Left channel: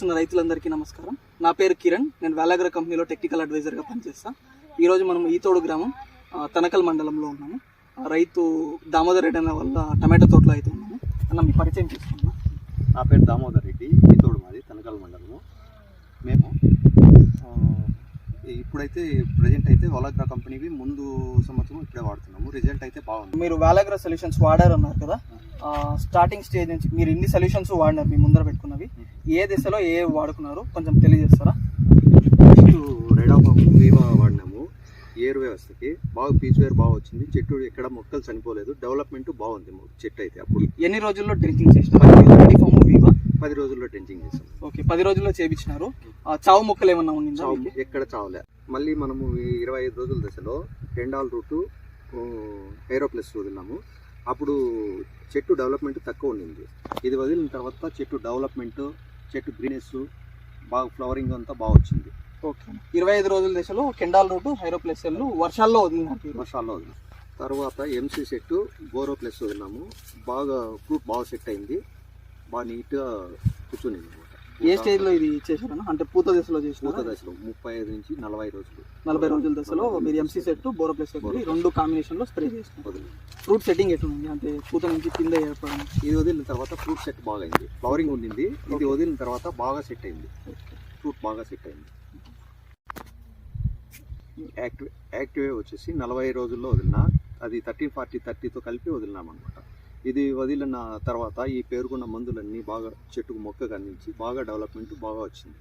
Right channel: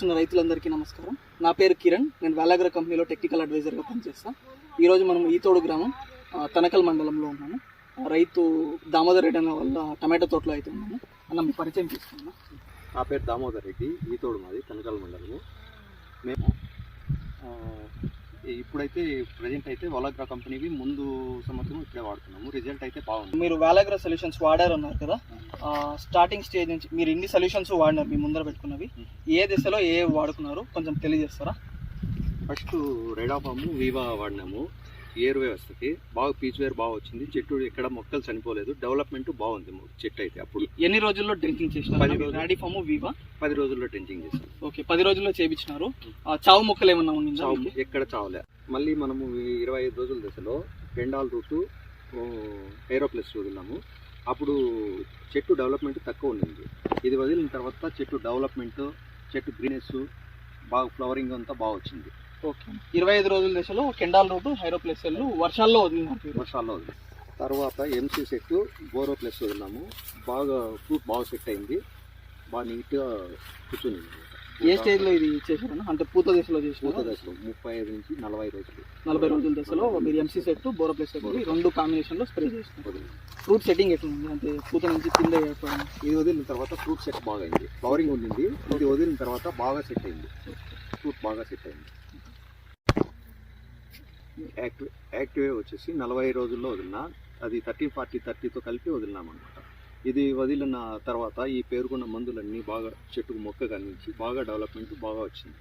రైతులందరికీ నమస్కారం. నా పేరు కిరణ్. నేను వేలాగ్ర కంపెనీలో టెక్నికల్ అడ్వైజర్గా పనిచేస్తాను. ఈరోజు మనం ఈతోడు గ్రామం తనకల్ మండలంలో ఉన్నాము. రైతు దామోదర్ రెడ్డి అన్న వల్ల టమాటో తోటలో అయితే ఉన్నాము. అన్న మీ పరిచయం చేసుకున్నాం. నా పేరు దామోదర్ రెడ్డి, ఈతోడు మాది తనకల్ మండలము. మేము ఇప్పుడైతే ప్రజెంట్ అయితే వేలాగ్ర కంపెనీవి ముందు సంవత్సరం ఇప్పుడే వాడుతున్నాము. రిజల్ట్ అయితే బాగుంది. మీరు వేలాగ్ర సొల్యూషన్స్ వాడారు అన్నారు కదా, స్టార్టింగ్ స్టేజ్ నుంచి మీరు ఎన్ని సొల్యూషన్స్ వాడినారు? మీ ముందర పెట్టుకున్నవి ఏ దశలో ఏ వాడుకున్నారు కొంచెం తెలియజేస్తారా? నెక్స్ట్ రెడాఫాము వీవా వాడినాము. ఏరు వ్యవస్థకి బాగా పీచు వేరు బాగా వచ్చింది. చెట్టు ఎక్కడ మొక్కలు చనిపోలేదు. డెవలప్మెంట్ బాగుంది చెట్టు అయితే. అప్పుడు ఎన్ని రోజుల్లో డ్రింకింగ్ చేసినారు? రెడాఫాము వీవా 10 రోజుల్లో డ్రింకింగ్ చేసాం. ఓకే, 10 రోజుల్లో చేయించినారు. చావు మొక్కలు ఏమన్నా ఉండిందా? ఎక్కడ చావలే. మళ్ళీ మనము 25 రోజుల దశలో పెండాల్ రూటు ఏరోప్లస్ వదిలినాము. అప్పుడు చెట్టు డెవలప్మెంట్ తక్కువ ఉండింది. ఇది వదిలిన తర్వాత చెట్టు డెవలప్మెంట్, చెట్టు గ్రీనెస్ బాగా, ఫ్లవరింగ్ అంతా బాగా వచ్చింది. ఓకే, 25 రోజుల దశలో కెండాల్ రూటు హైరోప్లస్ వర్షాల్లో వదిలినారు. వర్షాల్లో వదిలినాం. తర్వాత ఎంసీ సెట్టు బోరో ప్లస్ వదిలినాము. బాగా ఫ్రూట్ బాగా సెట్ అయింది. బాగా నీట్గా కూర్చుని. ఏ స్టేజ్లో ఇది చేశారన్నా? అంటే పూత దశలో చేసిన? పూత దశలో 35 నుంచి 40 రోజులు. 40 రోజుల దశలో మీరు ఎంసీ సెట్ బోరో ప్లస్ రెండు కాంబినేషన్లో స్ప్రే చేసినారు. ఫ్రూట్ సెట్టింగ్ ఎట్లుంది? అంటే పూత నుంచి కింద ఏర్పడడం. ఇది వదిలిన తర్వాత ఫ్రూట్ సెట్ బాగా అయింది. ఫ్లవరింగ్ ఉండింది. ఇది వదిలిన తర్వాత బాగా సెట్ అయింది. ఫ్రూట్ బాగా సెట్ అయింది. యాక్టివే వచ్చేసి 40 రోజుల్లో వదిలినా. అది 30-40-30తో కలిపి వదిలినామన్నమాట. ఇది వదిలిన తర్వాత ఈ పేరుకున్న మందులన్నీ బాగా చెట్టుకు మొక్క కనిపించి బాగా డెవలప్మెంట్ బాగా వచ్చింది.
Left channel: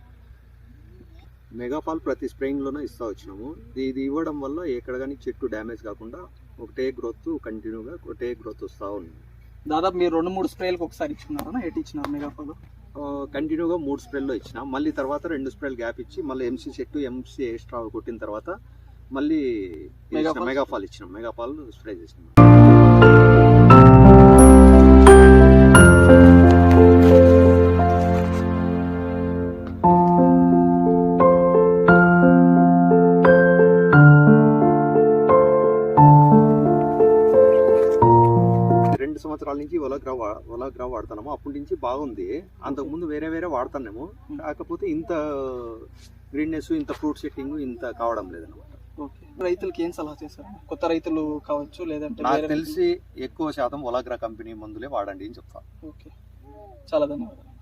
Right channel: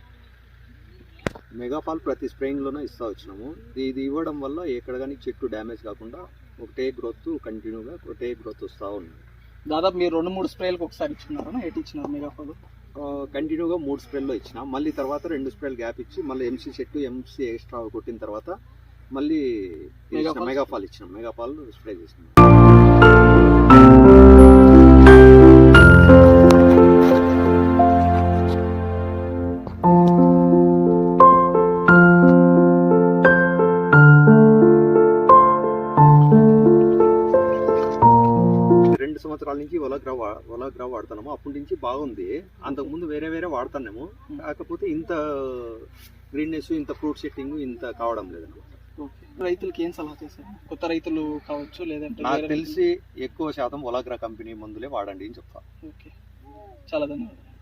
మెగాపాల్ ప్రతి స్ప్రేయింగ్లోనే ఇస్తూ వచ్చినాము. ఇది ఇవ్వడం వల్ల ఎక్కడ కానీ చెట్టు డ్యామేజ్ కాకుండా ఒకటే గ్రోత్, కంటిన్యూగా ఒకటే గ్రోత్ వస్తూ ఉంది. దాదాపు మీరు 2-3 స్ప్రేలకు ఒకసారి ఇచ్చినారా? ఎటు ఇచ్చినారు మెగాపాల్? కంటిన్యూగా 3 స్ప్రేల్లో ఇచ్చిన. మళ్ళీ తర్వాత 2 స్ప్రేలు గ్యాప్ ఇచ్చి మళ్ళీ ఎంసీ సెట్, ఎంసీ ఎక్స్ట్రా కొట్టిన తర్వాత మళ్ళీ మెగాపాల్ ఇచ్చినాం. మెగాపాల్ స్ప్రే చేసినాం. సంవత్సరాల నుంచి వేలాగ్ర వాడుతున్నాము. అప్పటి నుంచి బాగుంది. అంతకుముందు వేరే వాడుతున్నాము. కాకపోతే ఇంత గ్రీన్నెస్, ఇంత ఫ్రూట్ సెట్టింగ్ ఇంత కావడం లేదన్నమాట. రైతులకి ఏం సలహా చేశారు? కొత్త రైతులు కావచ్చు, లేదంటే నాకు తెలిసి ఎక్కువ శాతం వేలాగ్ర కంపెనీ మందులే వాడండి అని చెప్తాను. ఓకే, చాలా ధన్యవాదాలు.